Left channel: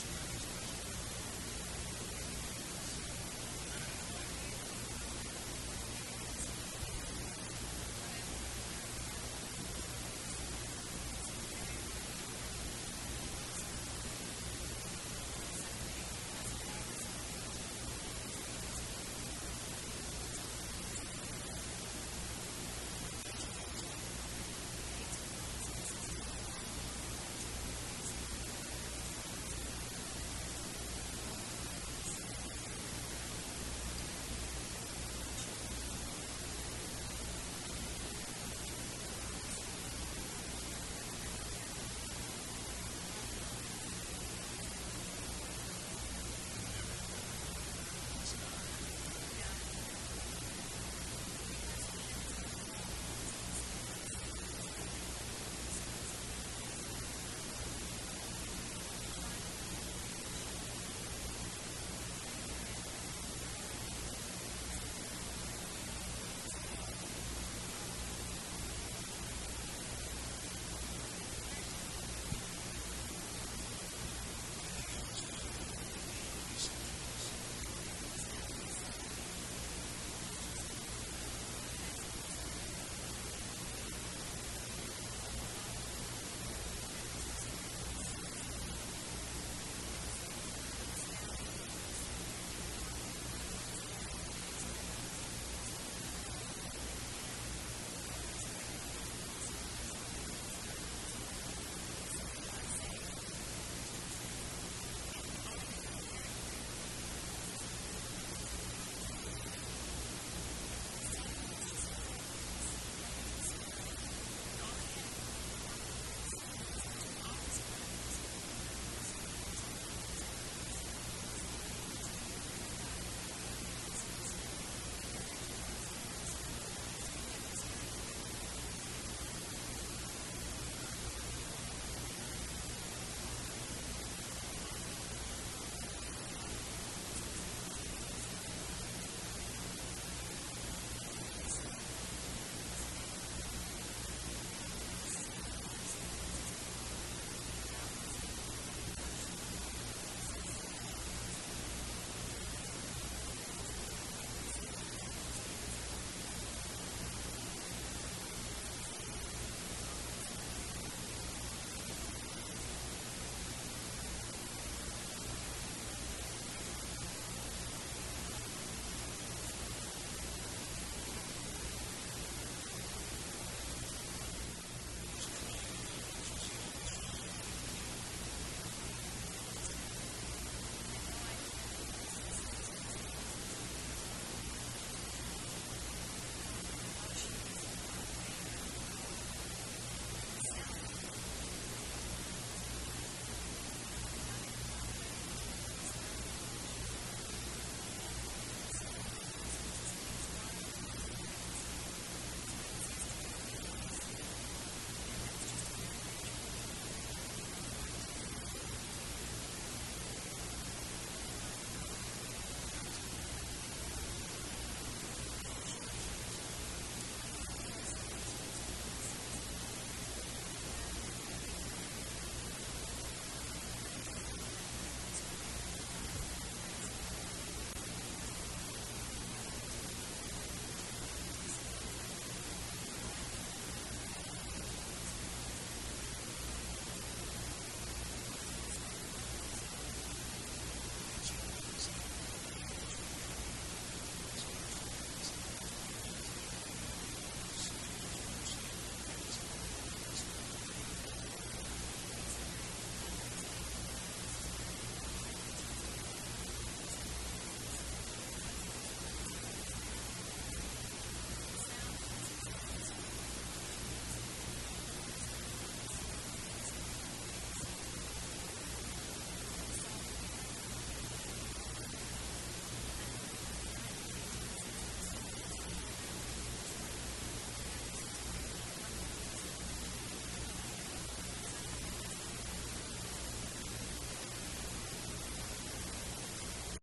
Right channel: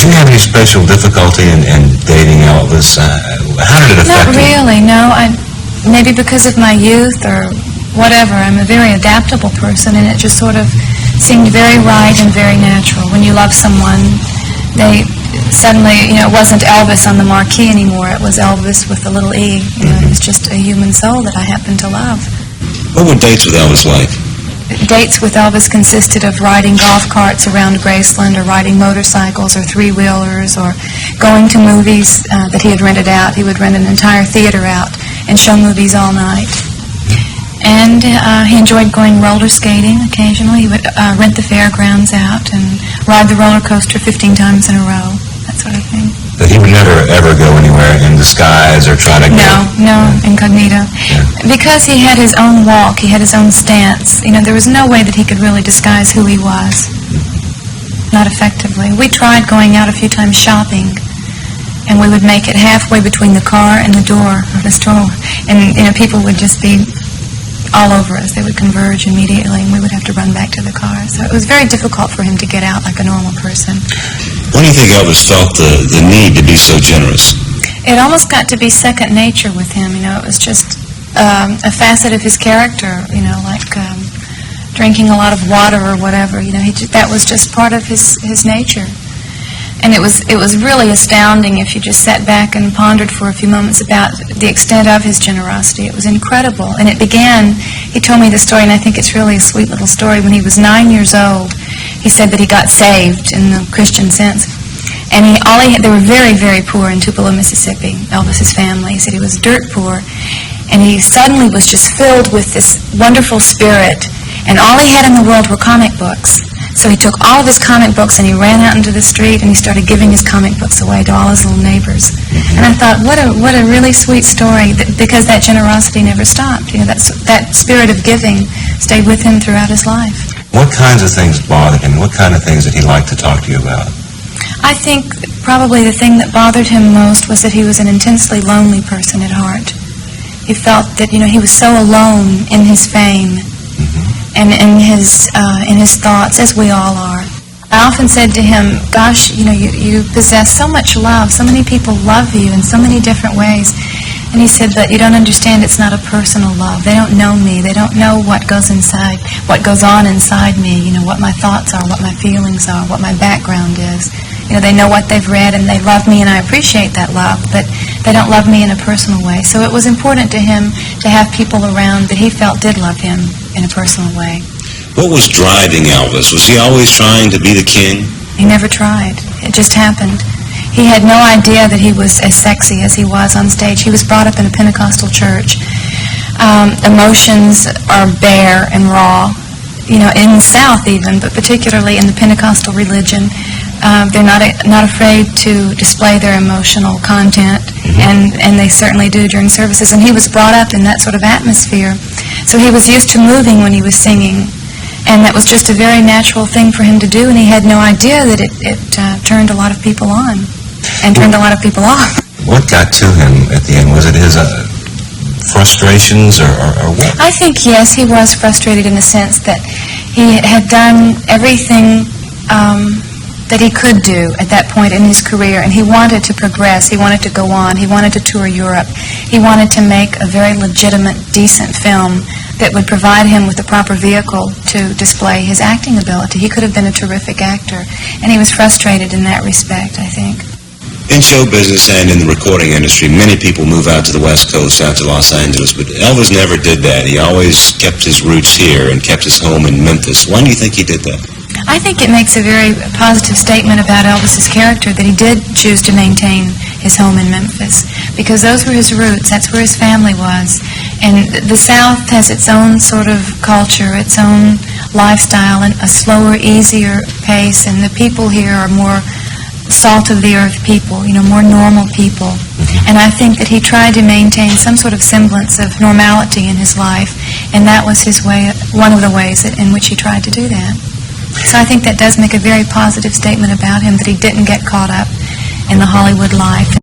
Did you have any special difficulty in dating Elvis? How did it affect you? Not really, no. Maybe because of my youth or whatever. I'm a very adaptable person, and it just sort of seemed very right and very natural. When you love someone, they suddenly, it wasn't Elvis on the marquee anymore. It was Elvis with a little E. It was just a human soul that I happened to love. What were dates with Elvis like? Dates with Elvis consisted of riding golf carts around Graceland, or riding motorcycles or three-wheelers, or going to movies that he had rented out. He would rent an entire theater out and show movies all night. And he enjoyed going roller skating occasionally. He would rent the fairgrounds out and ride the roller coaster 15 times in a row, that sort of thing. But he would never, ever go anywhere in disguise or try to No, incognito. Yeah. Because he had his own walk, he had his own stance. There was no way that he could really disguise who he was. Not effectively. We tried going out a few times shopping, and we would make it halfway between the car and the door of the store. And, people would just be all over us. They would converge immediately, and we would have to run back to the car. So it was very difficult for him to get out like a normal person. When do you think Elvis felt the need to be so generous? It almost got to be second nature with him. It was just a facet of his character, like drinking a lot of water or whatever. That was just part of his nature. And it was really astounding if you just sat back and pondered for a few moments about the extent of his generosity. It was incredible. And it began, he told me the story, and I think it's really a sweet little story. When he was 9 years old, he said that he got saved in the Christian sense. And they were very, very poor in Tupelo, Mississippi, Elvis's family. He said he was dirt poor. And he suddenly was just filled with this wonderful spirit. And all he had in the world were comic books. So he took all of his comic books and he ran out into the street and he started giving his comic books away to all his little neighbors. And I thought, what a really sweet story, because that generosity never stopped. That spirit of giving stayed with him throughout his life. What kinds of things bothered him? What kind of things did he like to talk to you about? I think probably the thing that bothered him most was that he was an intensely lonely person at heart. He felt that, he was so alone in his fame. And in his thoughts, as we all are. I often said to him, gosh, you possess so much love. So many people love you in so many different ways. And he said, but you don't understand, it's not a personal love. They don't know me. They don't know what goes on inside me, what my thoughts are, what my feelings are, what my background is. They know what they've read and they love me, and I appreciate that love, but they don't love me in a personal way. So it was important to him to have people around that he felt did love him in a personal way. What was driving Elvis? Was he always trying to be the king? He never tried. It just happened. He had no idea that he was as sexy as he was on stage. He was brought up in a Pentecostal church. Emotions are bare and raw, in the South even, but particularly in the Pentecostal religion. They're not afraid to display their emotional content, and they certainly do during services. And he was brought up in that sort of atmosphere, so he was used to moving when he was singing, and that was just a very natural thing for him to do. And he had no idea that it turned a lot of people on, and turned a lot of people off. What got to him at the end? Was it his frustrations, or what? I think yes, he was frustrated in the sense that he had done everything that he could do at that point in his career, and he wanted to progress, he wanted to go on, he wanted to tour Europe, he wanted to make a very legitimate, decent film that would provide him with the proper vehicle to display his acting ability. He could have been a terrific actor, and he was frustrated in that respect, I think. In show business and in the recording industry, many people move out to the West Coast, out to Los Angeles, but Elvis never did that. He always kept his roots here and kept his home in Memphis. Why do you think he did that? I think it makes a very positive statement about Elvis's character that he did choose to maintain his home in Memphis, because those were his roots, that's where his family was. And the South has its own sort of culture, its own lifestyle, and a slower, easier pace, and the people here are more salt-of-the-earth people, more normal people. And I think that he tried to maintain some sort of semblance of normality in his life, and that was his way, one of the ways in which he tried to do that. So I think that does make a very positive statement about him, that he didn't get caught up in the Hollywood life.